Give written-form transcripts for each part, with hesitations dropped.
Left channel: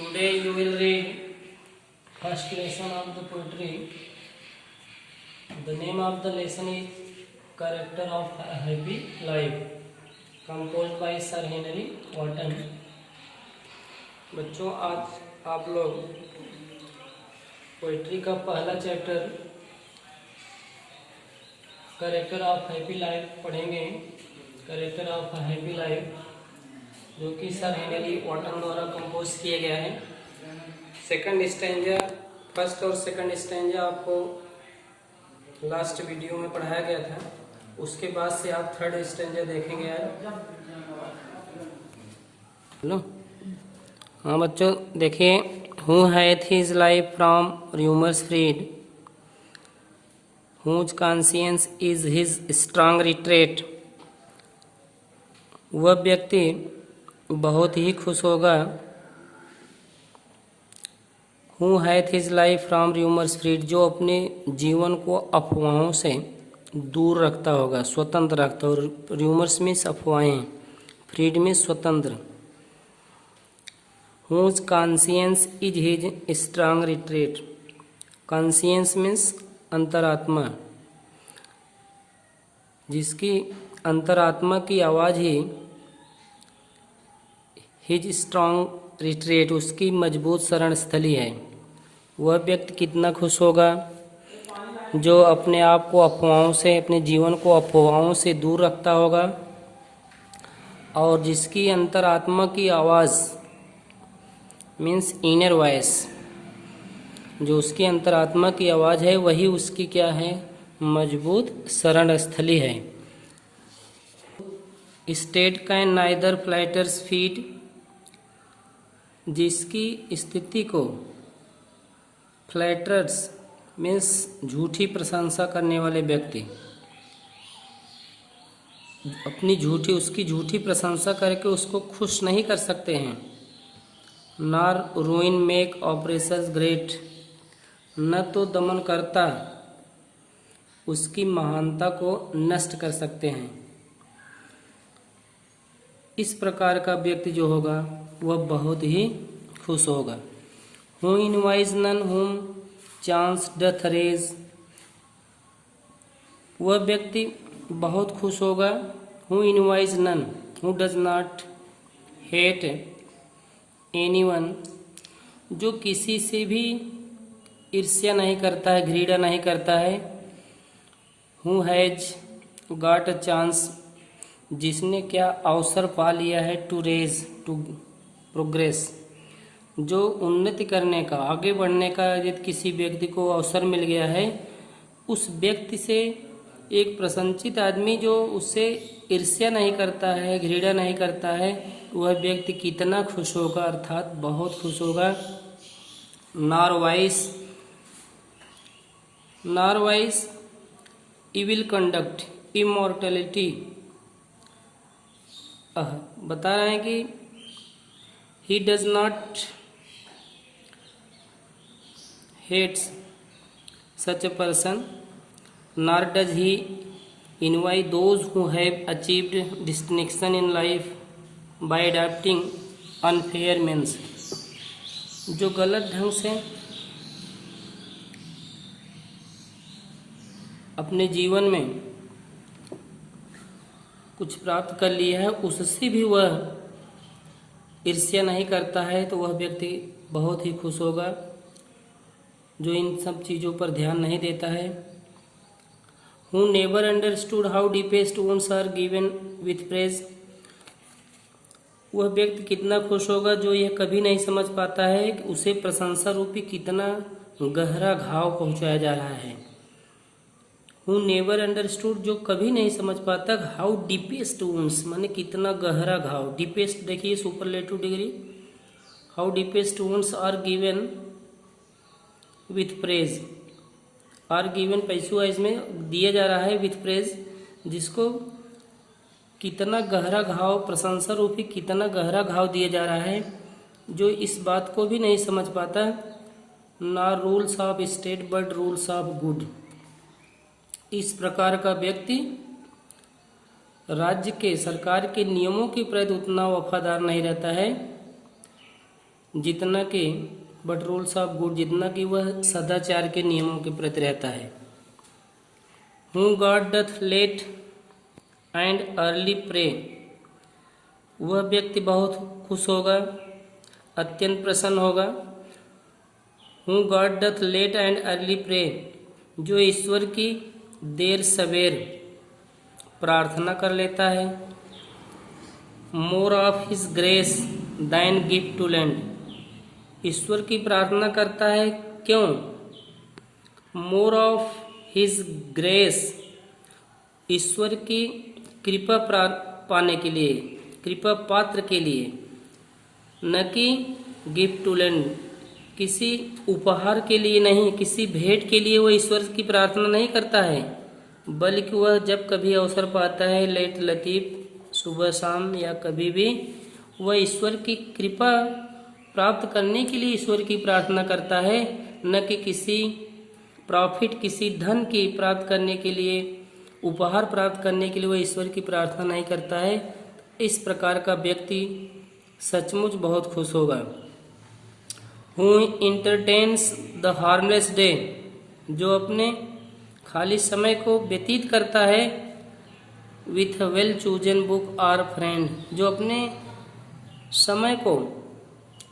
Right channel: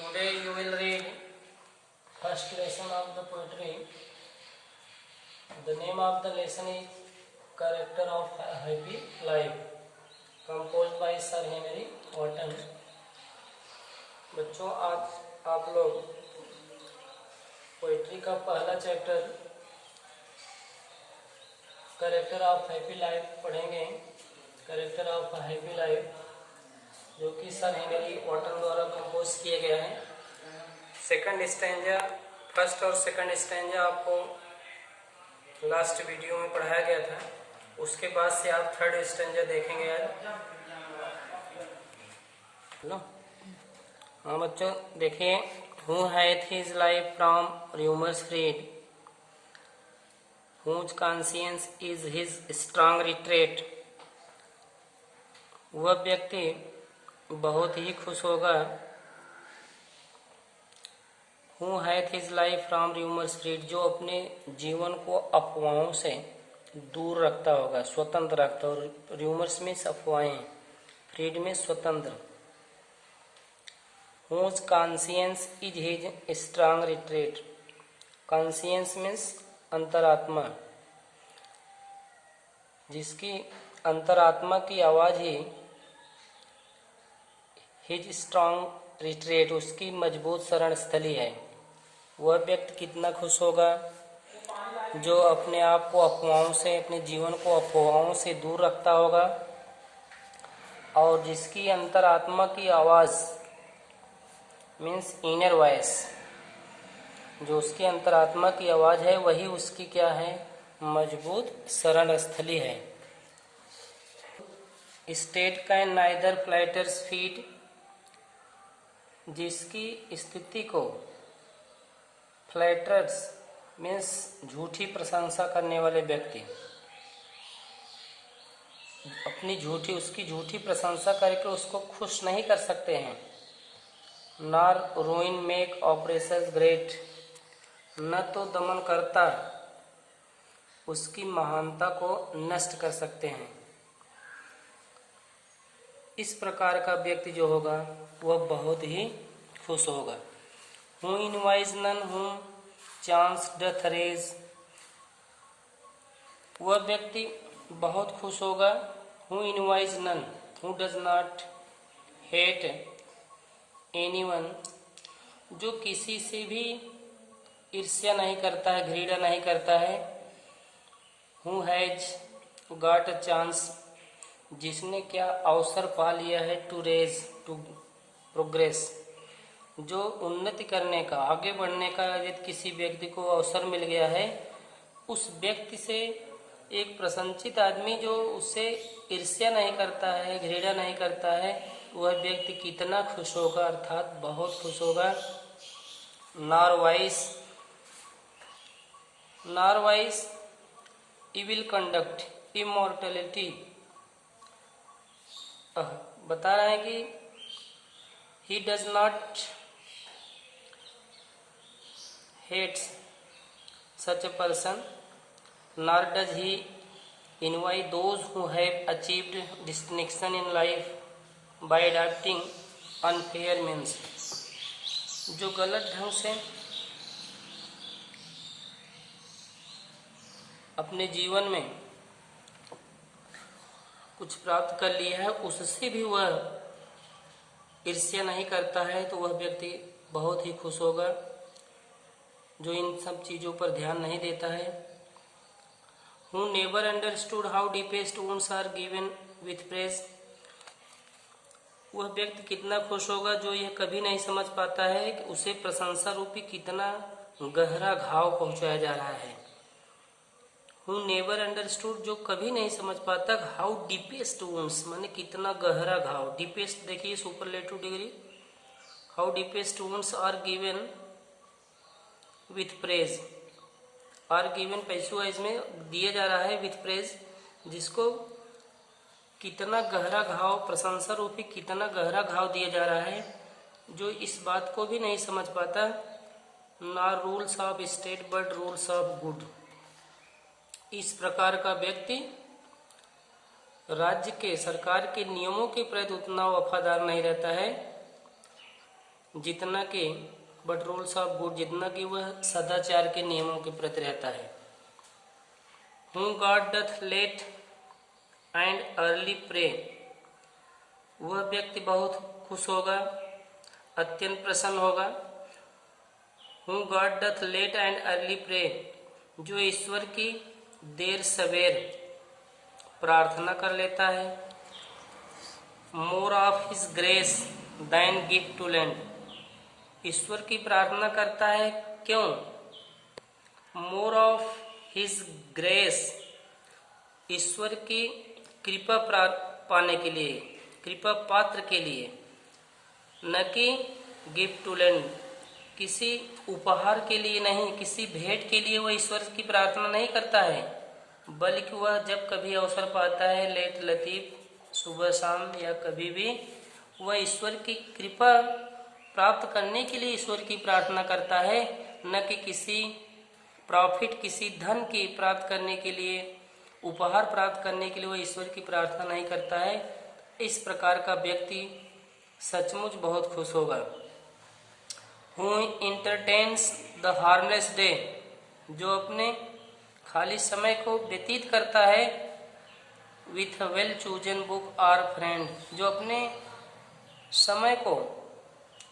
Today you will read first lesson of the poetry. The name of the lesson is Character of a Happy Life, composed by Sir Henry Wotton. बच्चों, आज आप लोग poetry का पहला chapter character of happy life पढ़ेंगे। Character of happy life जो कि sir Henry Wharton द्वारा कंपोज किया गया है। सेकंड स्टैंजा, फर्स्ट और सेकंड स्टैंजा आपको लास्ट वीडियो में पढ़ाया गया था। उसके बाद से आप थर्ड स्टैंजा देखेंगे। हेलो, हाँ बच्चों देखिए। Who hath his life from rumors freed, whose conscience is his strong retreat। वह व्यक्ति बहुत ही खुश होगा। Who hath his life from rumors freed, जो अपने जीवन को अफवाहों से दूर रखता होगा, स्वतंत्र रखता होगा। रूमर्स मीन्स अफवाहें, फ्रीड में स्वतंत्र। Whose conscience is his strong retreat, conscience means अंतरात्मा, जिसकी अंतरात्मा की आवाज ही हिज स्ट्रॉन्ग रिट्रीट, उसकी मजबूत शरण स्थली है। वह व्यक्ति कितना खुश होगा जो अपने आप को अफवाहों से, अपने जीवन को अफवाहों से दूर रखता होगा और जिसकी अंतरात्मा की आवाज़ मीन्स इनर वॉइस, जो उसकी अंतरात्मा की आवाज़ है वही उसकी क्या है, मजबूत शरण स्थली है। State can neither flutters feet, जिसकी स्थिति को फ्लैटर्स मीन्स झूठी प्रशंसा करने वाले व्यक्ति अपनी उसकी झूठी प्रशंसा करके उसको खुश नहीं कर सकते हैं। नार रूइन मेक ऑपरेशंस ग्रेट, न तो दमनकर्ता उसकी महानता को नष्ट कर सकते हैं। इस प्रकार का व्यक्ति जो होगा वह बहुत ही खुश होगा। Who invites none whom chance doth raise, वह व्यक्ति बहुत खुश होगा। Who invites none, who does not hate anyone, जो किसी से भी ईर्ष्या नहीं करता है, घृणा नहीं करता है। Who has got a chance, जिसने क्या अवसर पा लिया है। टू रेज, टू प्रोग्रेस, जो उन्नति करने का, आगे बढ़ने का यदि किसी व्यक्ति को अवसर मिल गया है, उस व्यक्ति से एक प्रशंसित आदमी जो उससे ईर्ष्या नहीं करता है, घृणा नहीं करता है, वह व्यक्ति कितना खुश होगा, अर्थात बहुत खुश होगा। नारवाइस इविल कंडक्ट इमोर्टैलिटी, बता रहे हैं कि he does not hate such a person, nor does he envy those who have achieved distinction in life by adapting unfair means, जो गलत ढंग से अपने जीवन में कुछ प्राप्त कर लिया है, उससे भी वह ईर्ष्या नहीं करता है, तो वह व्यक्ति बहुत ही खुश होगा जो इन सब चीज़ों पर ध्यान नहीं देता है। Who never understood how deepest wounds are given with praise, वह व्यक्ति कितना खुश होगा जो यह कभी नहीं समझ पाता है कि उसे प्रशंसा रूपी कितना गहरा घाव पहुंचाया जा रहा है। Who never understood, जो कभी नहीं समझ पाता, हाउ डीपेस्ट वुंड्स माने कितना गहरा घाव। डीपेस्ट देखिए superlative degree, how deepest wounds are given with praise, are given पैसुआ इसमें दिया जा रहा है विथ प्रेज, जिसको कितना गहरा घाव, प्रशंसा रूपी कितना गहरा घाव दिया जा रहा है, जो इस बात को भी नहीं समझ पाता। ना rules of state but rules of good, इस प्रकार का व्यक्ति राज्य के, सरकार के नियमों के प्रति उतना वफादार नहीं रहता है जितना कि बट रूल्स ऑफ गुड, जितना कि वह सदाचार के नियमों के प्रति रहता है। Who God doth late and early pray, वह व्यक्ति बहुत खुश होगा, अत्यंत प्रसन्न होगा। Who God doth late and early pray, जो ईश्वर की देर सवेर प्रार्थना कर लेता है। More of his grace than gift to lend, ईश्वर की प्रार्थना करता है, क्यों? मोर ऑफ हिज ग्रेस, ईश्वर की कृपा पाने के लिए, कृपा पात्र के लिए, न कि गिफ्ट टू लैंड, किसी उपहार के लिए नहीं, किसी भेंट के लिए वह ईश्वर की प्रार्थना नहीं करता है, बल्कि वह जब कभी अवसर पाता है, लेट लतीफ, सुबह शाम या कभी भी, वह ईश्वर की कृपा प्राप्त करने के लिए ईश्वर की प्रार्थना करता है, न कि किसी प्रॉफिट, किसी धन की प्राप्त करने के लिए, उपहार प्राप्त करने के लिए वह ईश्वर की प्रार्थना नहीं करता है। इस प्रकार का व्यक्ति सचमुच बहुत खुश होगा। Who entertains the harmless day, जो अपने खाली समय को व्यतीत करता है with a well chosen book or friend, जो अपने समय को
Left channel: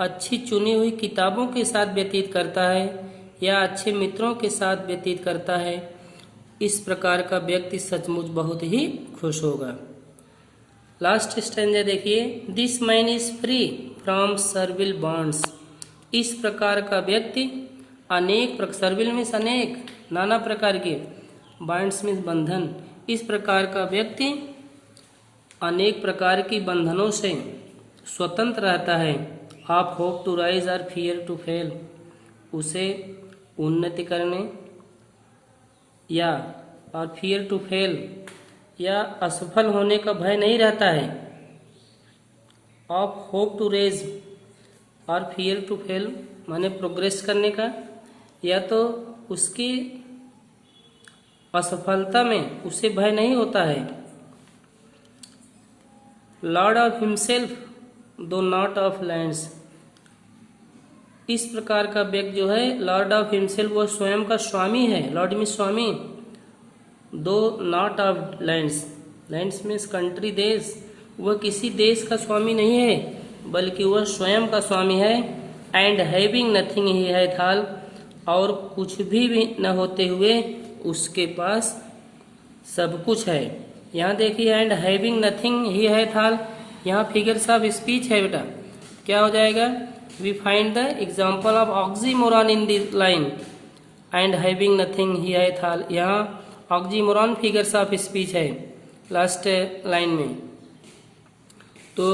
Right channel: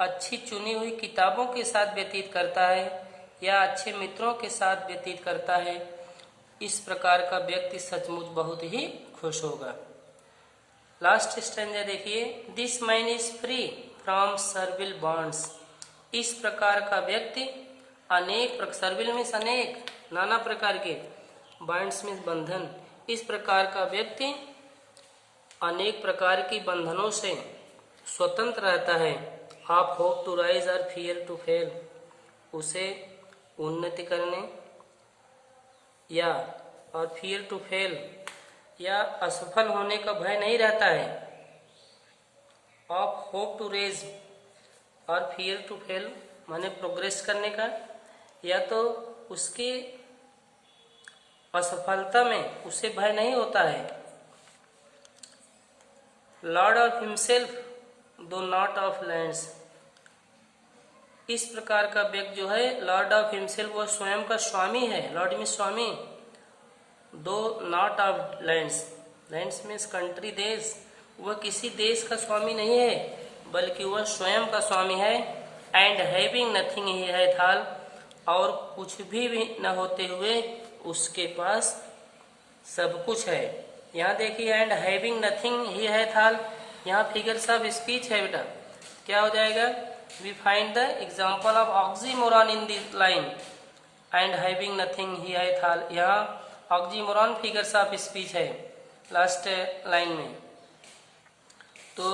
अच्छी चुनी हुई किताबों के साथ व्यतीत करता है या अच्छे मित्रों के साथ व्यतीत करता है, इस प्रकार का व्यक्ति सचमुच बहुत ही खुश होगा। लास्ट स्टैंजा देखिए, this man is free from servile bonds, इस प्रकार का व्यक्ति अनेक, सर्विल मीन्स अनेक, नाना प्रकार के, बॉन्ड्स मीन्स बंधन, इस प्रकार का व्यक्ति अनेक प्रकार की बंधनों से स्वतंत्र रहता है। आप होप टू राइज और फियर टू फेल, उसे उन्नति करने या और फियर टू फेल या असफल होने का भय नहीं रहता है। आप होप टू रेज और फियर टू फेल माने प्रोग्रेस करने का, या तो उसकी असफलता में उसे भय नहीं होता है। लॉर्ड ऑफ हिमसेल्फ दो नॉट ऑफ लैंड्स, इस प्रकार का व्यक्ति जो है लॉर्ड ऑफ हिमसेल्फ, वह स्वयं का स्वामी है। लॉर्ड मीन्स स्वामी, दो not of lands, lands means country, देश, वह किसी देश का स्वामी नहीं है, बल्कि वह स्वयं का स्वामी है। And having nothing he hath all, और कुछ भी न होते हुए उसके पास सब कुछ है। यहाँ देखिए, and having nothing he hath all, यहाँ फिगर्स ऑफ स्पीच है बेटा, क्या हो जाएगा? We find the example of oxymoron in this line, and having nothing he hath all, यहाँ ऑक्सीमोरॉन फिगर्स ऑफ स्पीच है लास्ट लाइन में। तो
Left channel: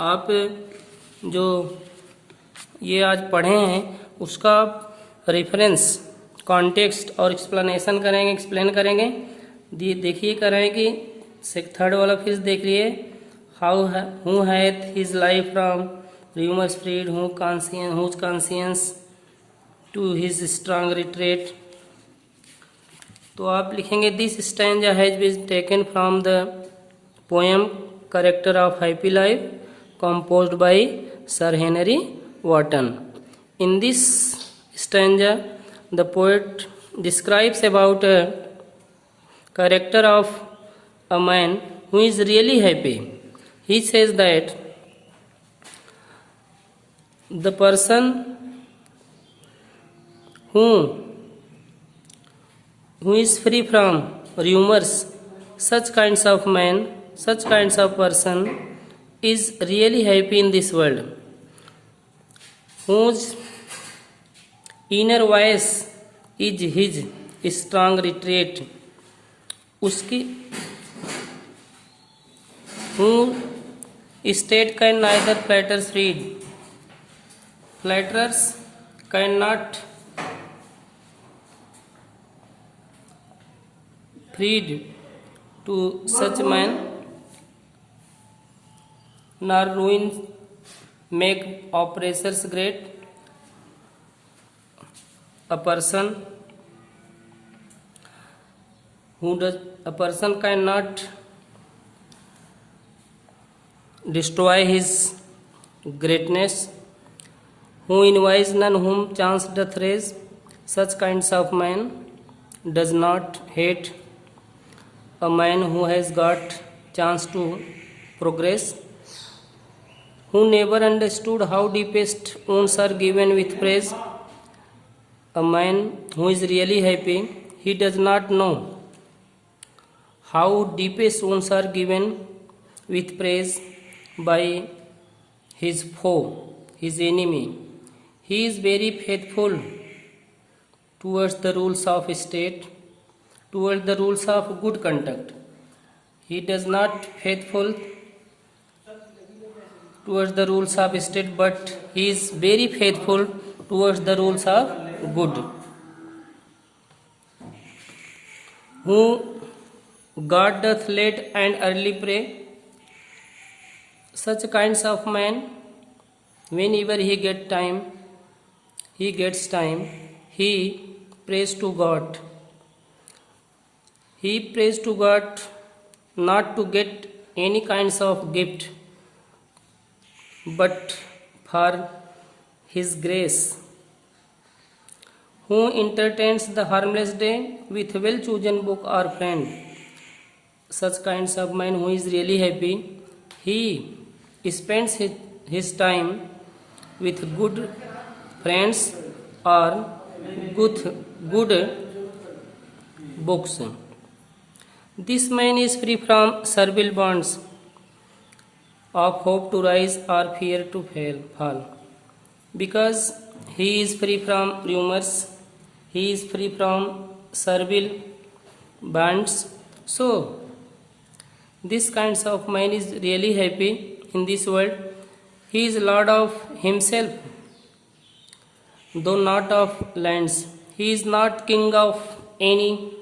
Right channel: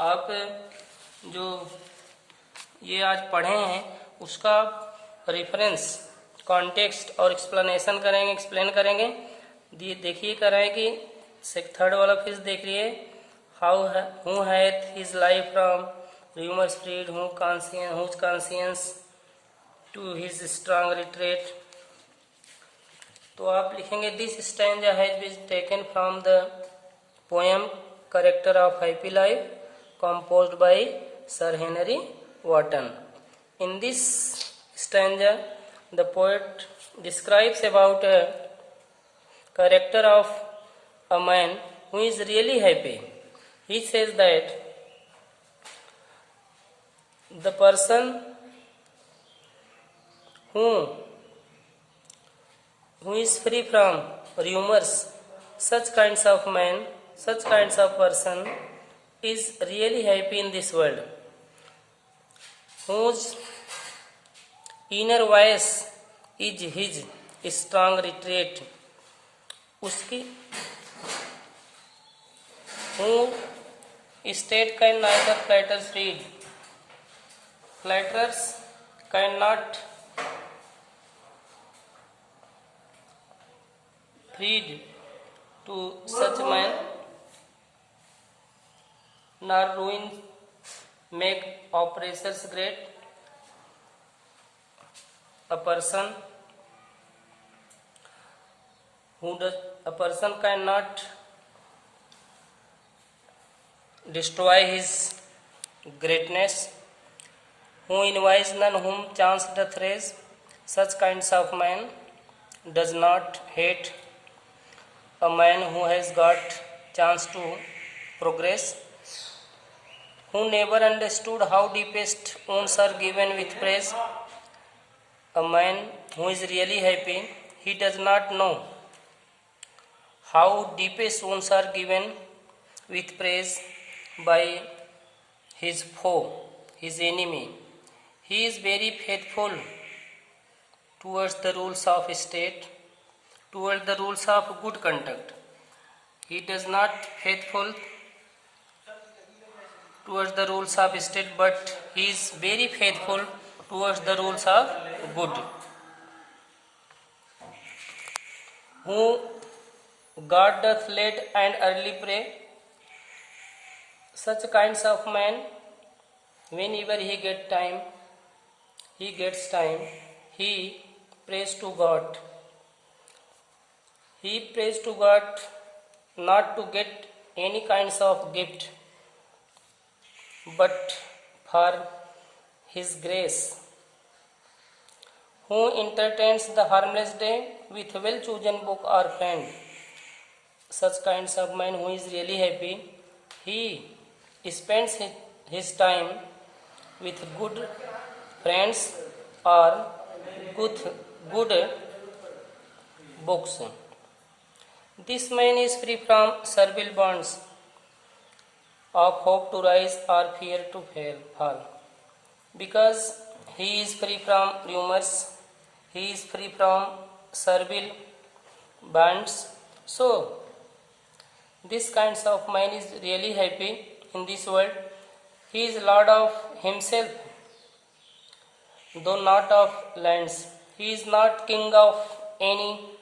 आप जो ये आज पढ़े हैं उसका रेफरेंस, कॉन्टेक्स्ट और एक्सप्लेनेशन करेंगे, एक्सप्लेन करेंगे। देखिए कराएंगे कि थर्ड वाला फिर देख लिए, how who hath his life from rumour spread, whose conscience to his strong retreat. तो आप लिखेंगे this stanza has been taken from the poem character of happy life composed by Sir Henry Wotton. In this stanza, the poet describes about a character of a man who is really happy. He says that the person who is free from rumors, such kinds of man, such kinds of person is really happy in this world, whose inner voice is his strong retreat, उसकी who state can neither flatters read, flatterers cannot read to such man, nor ruin make oppressors great. A person cannot destroy his greatness, who envies none whom chance doth raise. Such kinds of man does not hate a man who has got chance to progress, who never understood how deepest wounds are given with praise. A man who is really happy, he does not know how deepest wounds are given with praise by his foe, his enemy. He is very faithful towards the rules of state, towards the rules of good conduct. He does not faithful towards the rules of state, but he is very faithful towards the rules of good. Who God doth late and early pray. Such kinds of man, whenever he gets time, he prays to God. He prays to God not to get any kinds of gift, but for his grace. Who entertains the harmless day with well-chosen book or friend. Such kinds of man who is really happy, he spends his time with good friends or good books. This man is free from servile bonds of hope to rise or fear to fall, because he is free from rumors, he is free from servile bonds. So this kinds of man is really happy in this world. He is lord of himself, though not of lands. He is not king of any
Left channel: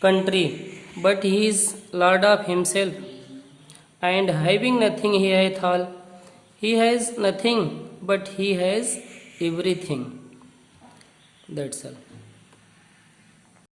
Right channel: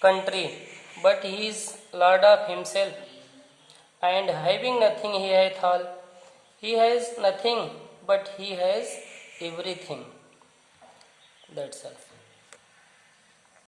country, but he is lord of himself. And having nothing he hath all. He has nothing, but he has everything. That's all.